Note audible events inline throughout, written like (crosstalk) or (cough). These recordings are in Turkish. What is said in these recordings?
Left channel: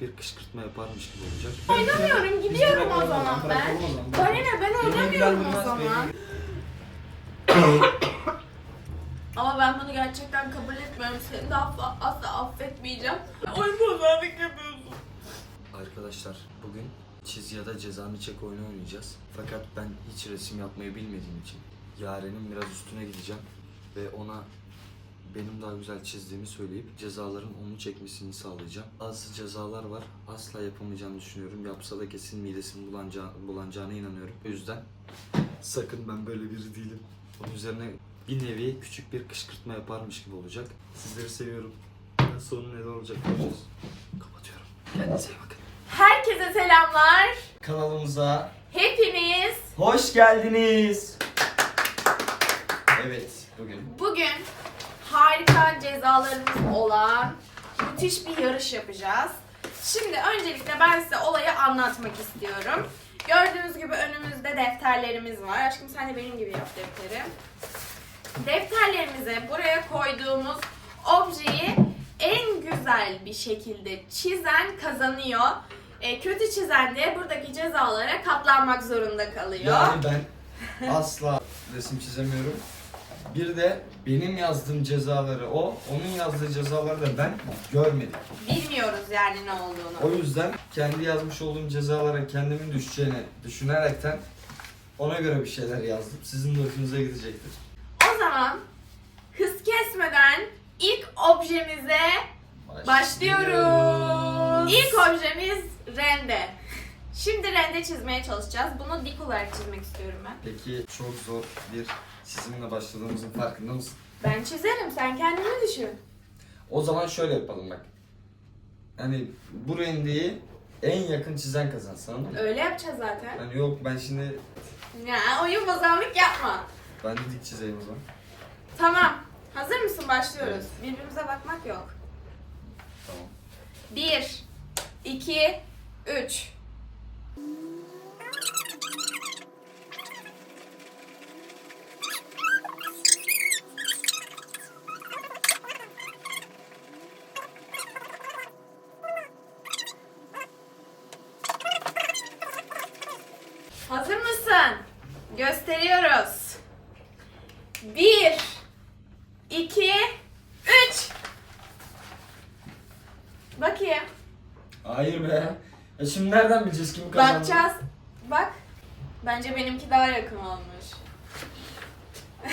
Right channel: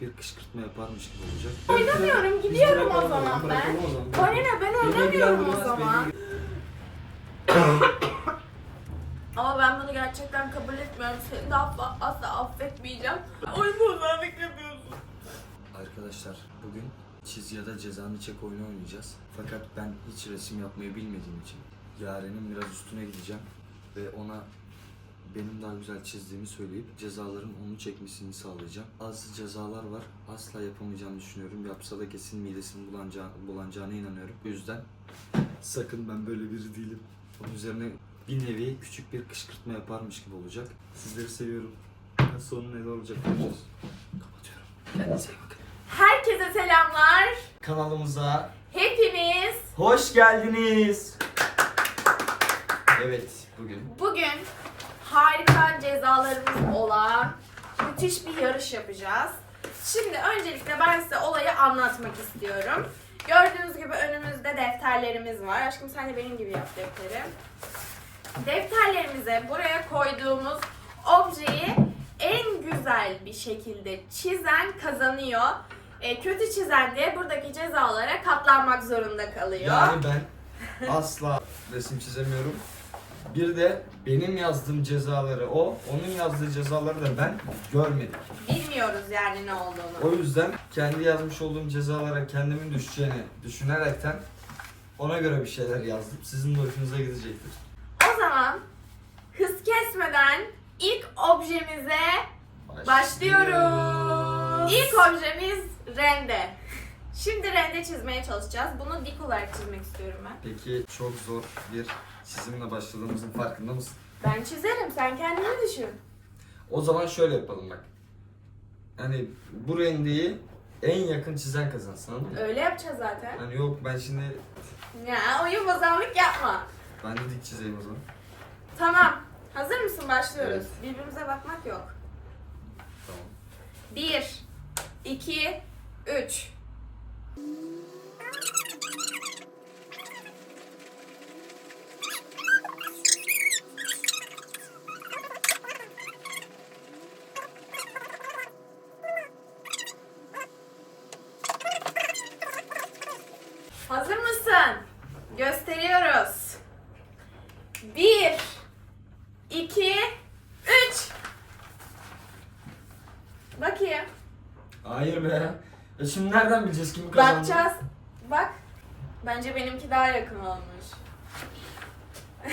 bir kışkırtma yaparmış gibi olacak. Oynamıyorum gidiyorum o zaman ben. Ne ben oynamıyorum o zaman. (coughs) Ama ben bunu gerçekten kabul etmiyorum. Seni de asla, asla affetmeyeceğim. Oyun bozanlık yapıyorsun. Arkadaşlar bugün çiz ya da cezanı çek oyunu oynayacağız. Fakat ben hiç resim yapmayı bilmediğim için Yaren'in biraz üstüne gideceğim ve ona benim daha güzel çizdiğimi söyleyip cezaların onu çekmesini sağlayacağım. Bazı cezalar var. Asla yapamayacağını düşünüyorum. Yapsa da kesin midesini bulanacağı, bulanacağına inanıyorum. O yüzden sakın ben böyle biri değilim. Onun üzerine bir nevi küçük bir kışkırtma yaparmış gibi olacak. Sizleri seviyorum. Sonu ne olacak göreceğiz. Kapatıyorum. Kendinize iyi bakın. Herkese selamlar. Kanalımıza Hepiniz hoş geldiniz. Evet, bugün bugün harika cezalarımız olan müthiş bir yarış yapacağız. Şimdi öncelikle ben size olayı anlatmak istiyorum. Gördüğünüz gibi önümüzde defterlerimiz var. Aşkım sen de benim gibi yap defteri. Defterlerimize buraya koyduğumuz objeyi en güzel bir şekilde çizen kazanıyor. E, kötü çizen de buradaki cezalara katlanmak zorunda kalıyor. yani ben asla resim çizemiyorum. Bir de benim yazdığım cezaları o, onun yazdığı cezaları da ben görmedim. Bilmiyoruz yani ne O olduğunu. yüzden kendi yazmış olduğum cezalara kendimin düşeceğini düşünerekten ona göre bir şeyler yazdım. Sizin de hoşunuza gidecektir. O zaman hız kesmeden ilk objemize başlıyoruz. İlk objemiz rende. Şimdi rende çizmeye çalışacağız. Bunu dik olarak çizmek istiyorum ben. Peki çok zor bir çizimle başladığımızın farkında mısın? Ben çizerim, sen kendini düşün. O zaman şöyle yapalım bak. Hani bu rendeyi en yakın çizen kazansın? Öyle yapacağız zaten. Hani yok ben şimdi Ya oyun bozanlık yapma. ben de dik çizeyim o zaman. Tamam. Hazır mısın? Başlıyoruz. Birbirimize bakmak yok. Tamam. 1 2 3 Hazır mısın? Gösteriyoruz. 1 2 3 Bakayım. Hayır be. Ya şimdi nereden bileceğiz kimi kazandı? Bakacağız. Bak. Bence benimki daha yakın olmuş. (laughs)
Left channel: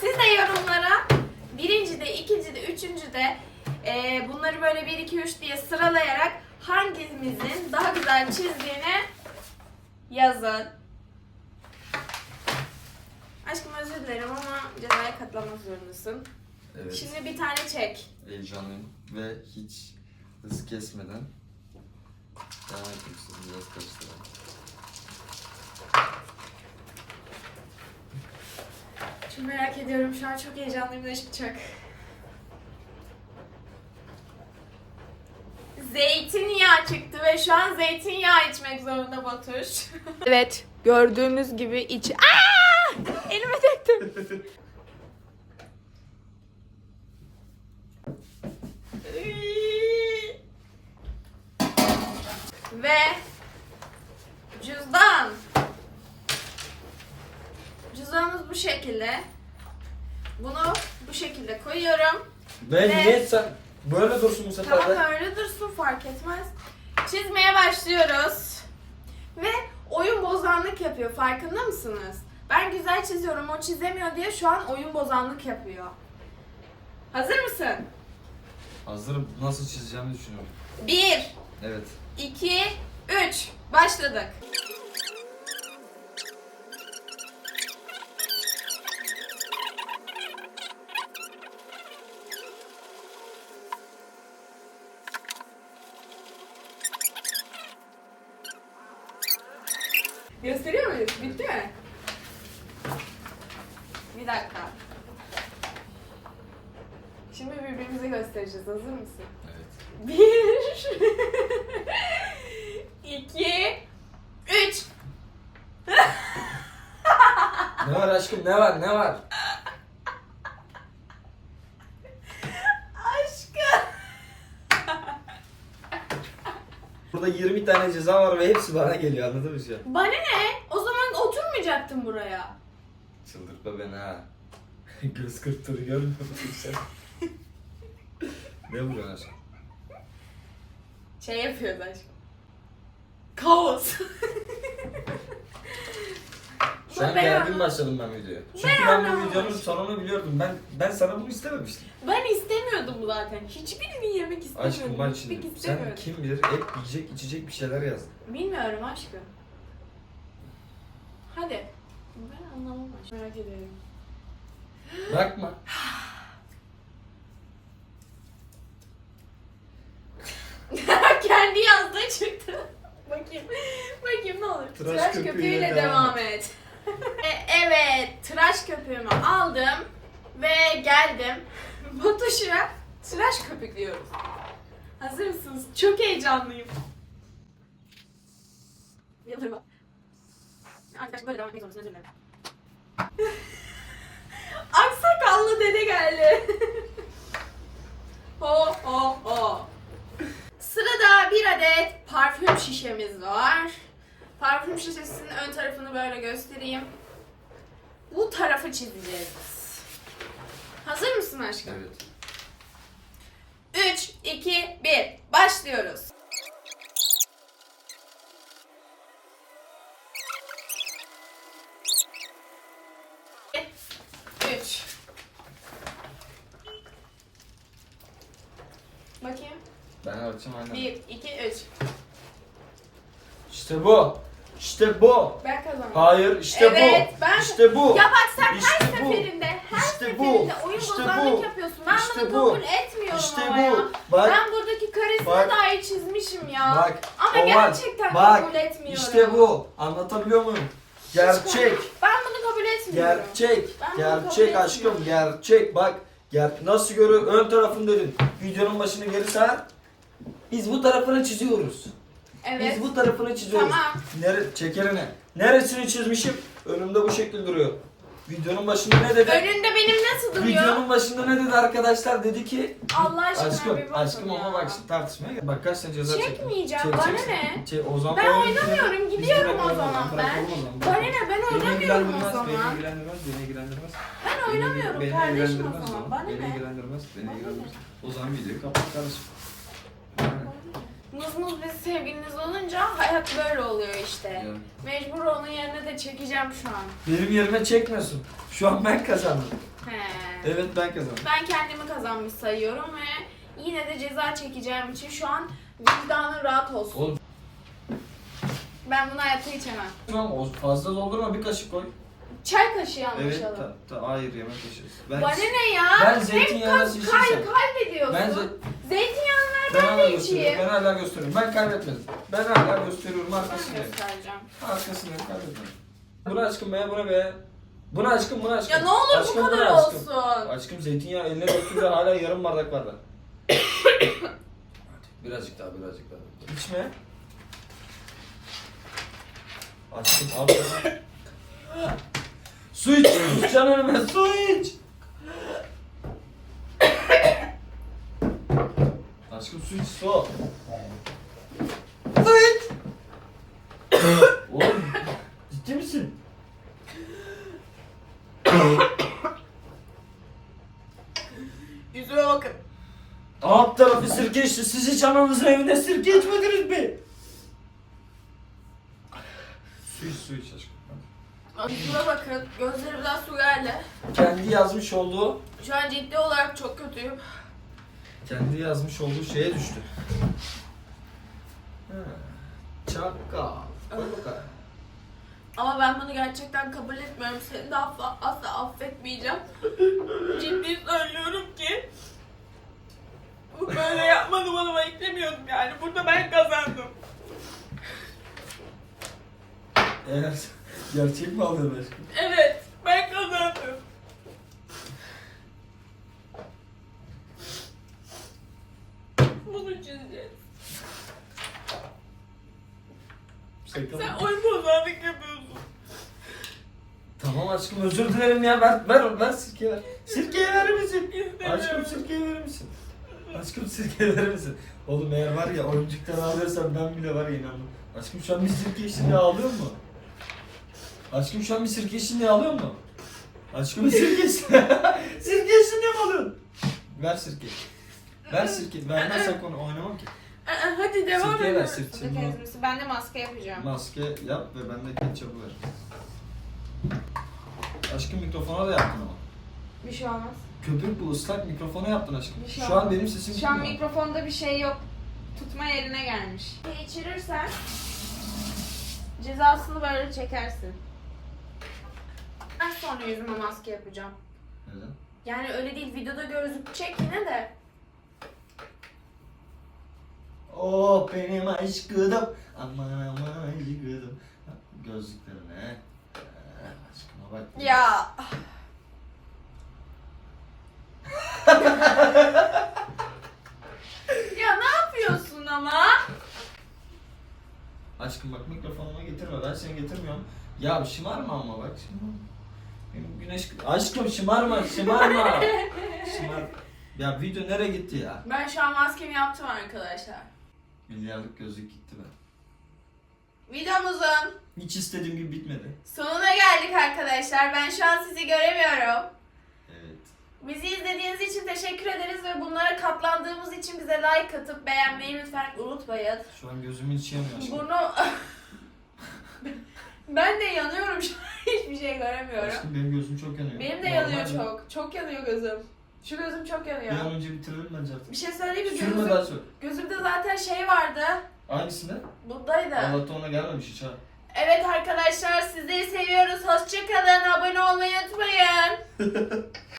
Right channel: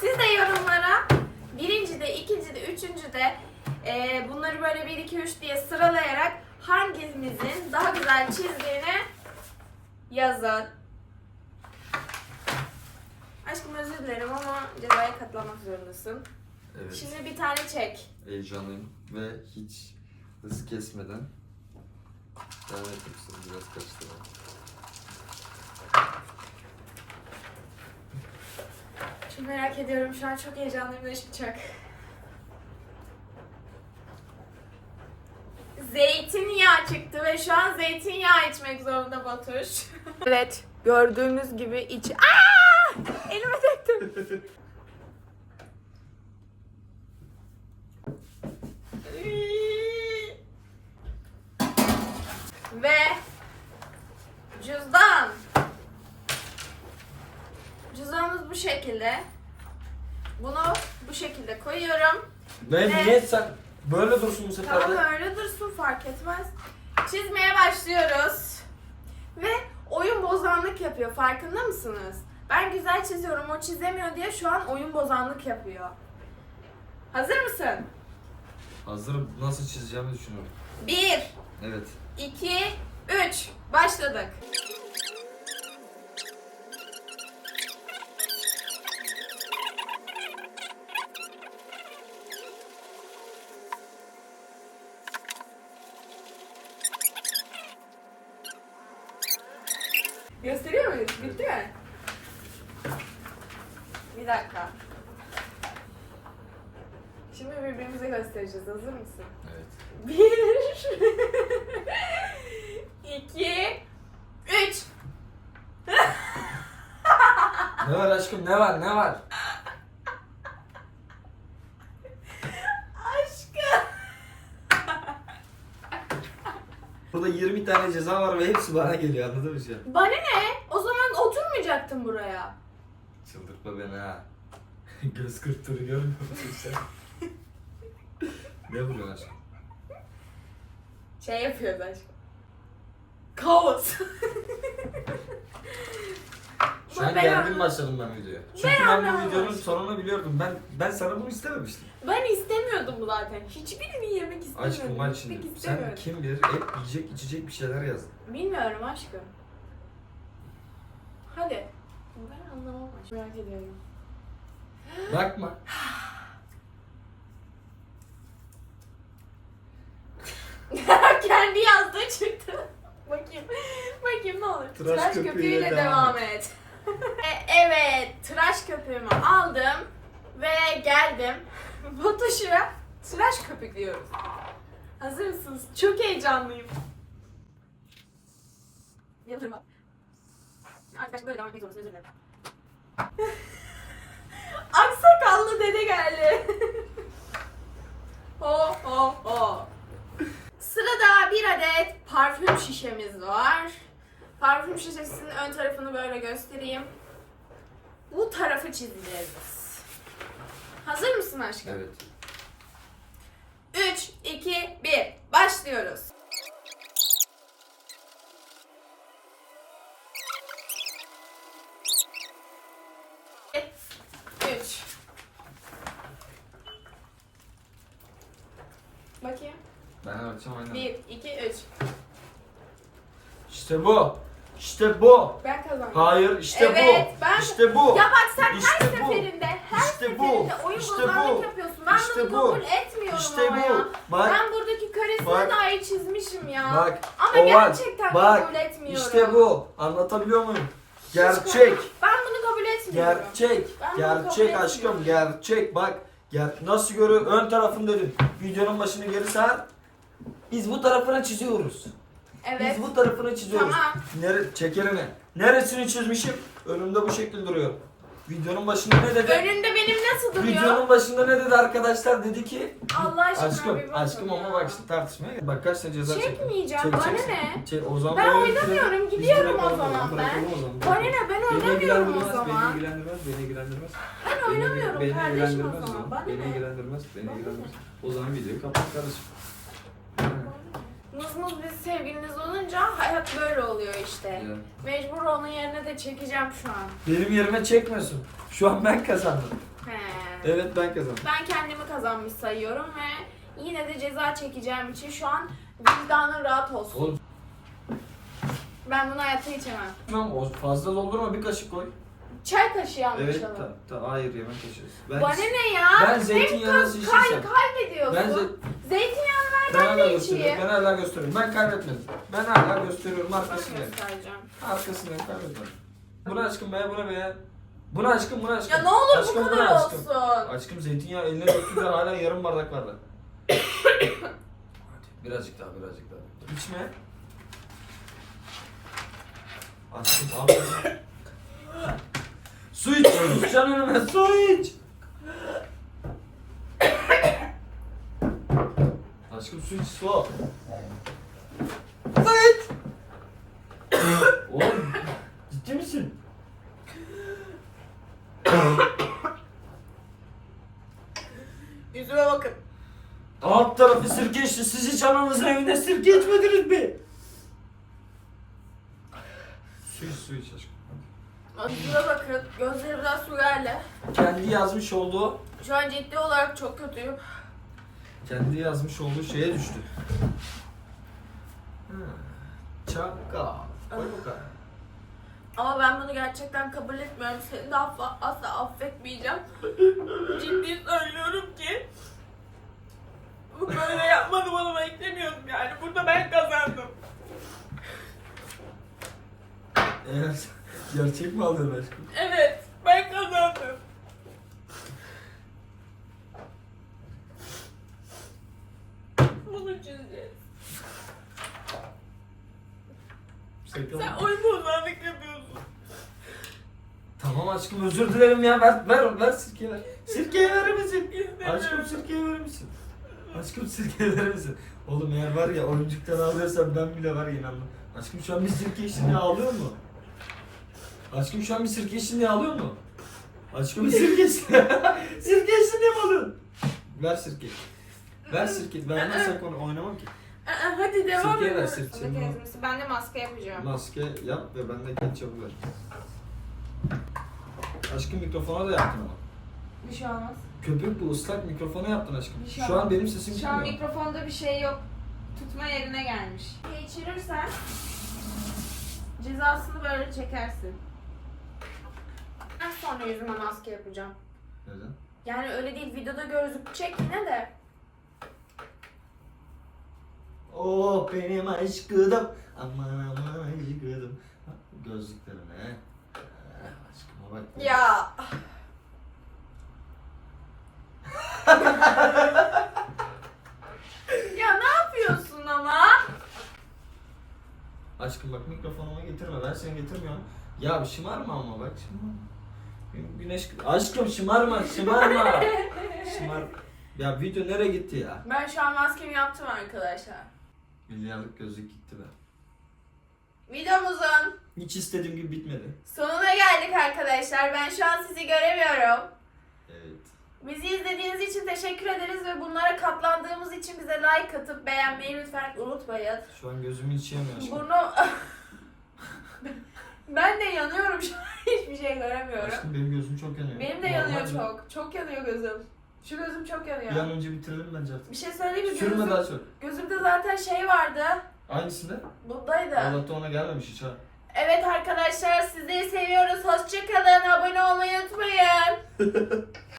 Siz de yorumlara birinci de, ikinci de, üçüncü de eee, bunları böyle 1, 2, 3 diye sıralayarak hangimizin daha güzel çizdiğini yazın. Aşkım özür dilerim ama cezaya katlanmak zorundasın. Evet. Şimdi bir tane çek. Heyecanlıyım ve hiç hız kesmeden devam etmek. Biraz karıştıralım. Çok merak ediyorum. Şu an çok heyecanlıyım ne çıkacak. Zeytinyağı çıktı ve şu an zeytinyağı içmek zorunda Batuş. evet, gördüğümüz gibi iç... Aa! Elime döktüm. (laughs) ve cüzdan. Cüzdanımız bu şekilde. Bunu bu şekilde koyuyorum. Ben Ve- niye sen böyle dursun bu sefer Tamam de? öyle dursun fark etmez. Çizmeye başlıyoruz. Ve oyun bozanlık yapıyor farkında mısınız? Ben güzel çiziyorum o çizemiyor diye şu an oyun bozanlık yapıyor. Hazır mısın? Hazırım. Nasıl çizeceğimi düşünüyorum. 1, Evet. 2, 3. Başladık. Gösteriyor muyuz? Bitti mi? Bir dakika. Şimdi birbirimize göstereceğiz. Hazır mısın? Bir, (laughs) iki, üç. Ne var aşkım ne var ne var? Aşkım. Burada 20 tane ceza var ve hepsi bana geliyor anladın mı şu an? Bana ne? O zaman oturmayacaktın buraya. Çıldırtma beni ha. (laughs) Göz kırptığını görmüyor musun sen? ne vuruyorsun aşkım? Şey yapıyordu aşkım. Kaos. Şu an Ben gergin başladım ben videoya. Çünkü Ben bu anlamadım. videonun sonunu biliyordum. Ben ben sana bunu istememiştim. Ben istemiyordum zaten. Hiçbirini yemek istemiyordum. Aşkım şimdi sen istemiyordum. kim bilir hep yiyecek içecek bir şeyler yazdın. Bilmiyorum aşkım. Hadi. Ben anlamam aşkım. Merak ediyorum. Bakma. (gasps) (laughs) Kendi yazdığı çıktı. Bakayım. Bakayım ne olur. Tıraş Tıraş, köpüğüyle köpüğüyle devam devam et. (laughs) E, evet. Tıraş köpüğümü aldım. Ve geldim. (laughs) Batuş'a tıraş köpüklüyoruz. Hazır mısınız? Çok heyecanlıyım. Yıldırma. Arkadaşlar böyle devam etmek zorundasın. Özür dilerim. (laughs) Aksakallı dede geldi. ho ho ho. Sırada bir adet parfüm şişemiz var. Parfüm şişesinin ön tarafını böyle göstereyim. Bu tarafı çizeceğiz. Hazır mısın aşkım? Evet. 3, 2, 1. Başlıyoruz. Üç. Bakayım. Ben arayacağım aynen. 1, 2, 3. İşte bu. İşte bu. Ben kazandım. Hayır işte Evet, bu. ben- İşte bu. Ya bak sen İşte her bu. seferinde, her İşte bu. seferinde oyun İşte bozanlık bu. yapıyorsun. Ben İşte bunu bu. kabul etmiyorum İşte ama ya. bu. Bak. Ben buradaki karesine Bak. dair çizmişim ya. Bak. Ama o gerçekten Bak. kabul etmiyorum. İşte bu. Anlatabiliyor muyum? Gerçek. Ben bunu kabul etmiyorum. Gerçek. Ben Gerçek aşkım. Gerçek. Bak. Ger nasıl görüyor? Ön tarafını dedim. Videonun başını geri sar. Biz bu tarafını çiziyoruz. Evet. Biz bu tarafını çiziyoruz. Tamam. Nere çekerini. Neresini çizmişim? Önümde bu şekil duruyor. Videonun başında ne dedi? Önünde benim nasıl duruyor? Videonun başında ne dedi arkadaşlar? Dedi ki Allah aşkına aşkım, bir bakın aşkım ya. ama bak şimdi tartışmaya. Bak kaç tane ceza çektim. Çekmeyeceğim, bana ne? Çek, o zaman Ben oyunu oynamıyorum, bitirelim. Biz gidiyorum o zaman ben. zaman. Bana ne? Ben Beni oynamıyorum ilgilendirmez, o zaman. Beni ilgilendirmez, beni ilgilendirmez. Ben Beni- oynamıyorum beni kardeşim o ilgilendirmez zaman. Bana Beni ne? ilgilendirmez, beni ilgilendirmez. O zaman videoyu kapat kardeşim. Muz biz sevgiliniz olunca hayat böyle oluyor işte. Ya. Mecbur onun yerine de çekeceğim şu an. Benim yerime çekmiyorsun. Şu an ben kazandım. He. Evet ben kazandım. Ben kendimi kazanmış sayıyorum ve yine de ceza çekeceğim için şu an vicdanın rahat olsun. Oğlum Ben bunu hayatta içemem. tamam o fazla doldurma bir kaşık koy. Çay kaşığı Evet anlaşalım. ta, ta, hayır yemek kaşığı. Ben, Bana ne ya? Ben Hep zeytinyağlı kay- şişirsem. kay- kaybediyorsun. Ben ze- Zeytinyağını ver ben hala gösteriyorum. Ben hala gösteriyorum. Ben kaybetmedim. Ben hala gösteriyorum göstereceğim. Arkasındayım kaybetmedim. Buna aşkım be buna be. Buna aşkım buna aşkım. Ya ne olur aşkım, bu kadar aşkım. olsun. Aşkım zeytinyağı eline döktüğünde hala yarım bardak var da. (coughs) birazcık daha birazcık daha. İçme. Aşkım abi. (coughs) su iç. Düşeceksin önüme su iç. Aşkım su iç su. İç. Oğlum ciddi misin? Yüzüme bakın. Alt tarafı sirke içti. Siz hiç ananızın evinde sirke içmediniz mi? Su iç su iç aşkım. Yüzüme bakın. Gözlerimden su geldi. Kendi yazmış olduğu Şu an ciddi olarak çok kötüyüm. Kendi yazmış olduğu şeye düştü. Ha, Çakal. Hadi bakalım. Ama ben bunu gerçekten kabul etmiyorum. Seni de affa, asla affetmeyeceğim. (laughs) Ciddi söylüyorum ki. Bu böyle yapmanı bana beklemiyordum yani. Burada ben kazandım. Eğer gerçek mi aldın aşkım? Evet, ben kazandım. Bunu çizeceğiz. Şaka? Sen oyun bozanlık yapıyorsun. Tamam aşkım özür dilerim ya ver ver ver sirke ver. Sirkeyi verir misin? Aşkım sirkeyi verir misin? Aşkım sirkeyi verir misin? Oğlum eğer var ya oyuncuktan ağlıyorsan ben bile var ya inanmam. Aşkım şu an bir sirke içinde ağlıyor mu? Aşkım şu an bir sirke içinde ağlıyor mu? Aşkım bir sirke içinde. (laughs) sirke içinde mi ağlıyorsun? Ver sirke. Ver sirke. Vermezsek onu oynamam ki. Aa, Hadi devam Sirkeyi ver, edelim. ezmesi. Ben de maske yapacağım. Maske yap ve ben de ketçapı ver. Aşkım mikrofona da yaptın ama. Bir şey olmaz. Köpük bu ıslak mikrofona yaptın aşkım. Bir şey Şu an olmaz. benim sesim Şu an geliyor. mikrofonda bir şey yok. Tutma yerine gelmiş. Geçirirsen cezasını böyle çekersin. Ben sonra yüzüme maske yapacağım. Neden? Yani öyle değil videoda gözükecek yine de. Oh benim aşkım. Aman aman aşkım. Gözlüklerine. Ee, Aşkıma bak. Ya. ya ne yapıyorsun ama? Aşkım bak mikrofonuma getirme. Ben seni getirmiyorum. Ya şımarma ama bak şımarma. Benim güneş... Aşkım şımarma şımarma. (laughs) Şımar... Ya video nereye gitti ya? Ben şu an maskemi yaptım arkadaşlar. Milyarlık gözlük gitti be. Videomuzun Hiç istediğim gibi bitmedi. sonuna geldik arkadaşlar. Ben şu an sizi göremiyorum. Evet. Bizi izlediğiniz için teşekkür ederiz ve bunlara katlandığımız için bize like atıp beğenmeyi lütfen unutmayın. Şu an gözümün içi yanıyor aşkım. Bunu (laughs) ben de yanıyorum şu an (laughs) hiçbir şey göremiyorum. Aşkım benim gözüm çok yanıyor. Benim de Normal yanıyor mi? çok. Çok yanıyor gözüm. Şu gözüm çok Bir an yanıyor. önce bitirelim bence artık. Bir şey söyleyeyim mi? Sürme Gözüm, daha çok. gözümde zaten şey vardı. Hangisinde? Buradaydı. Allah'ta ona gelmemiş hiç ha. Evet arkadaşlar sizleri seviyoruz. Hoşçakalın. Abone olmayı unutmayın. (laughs)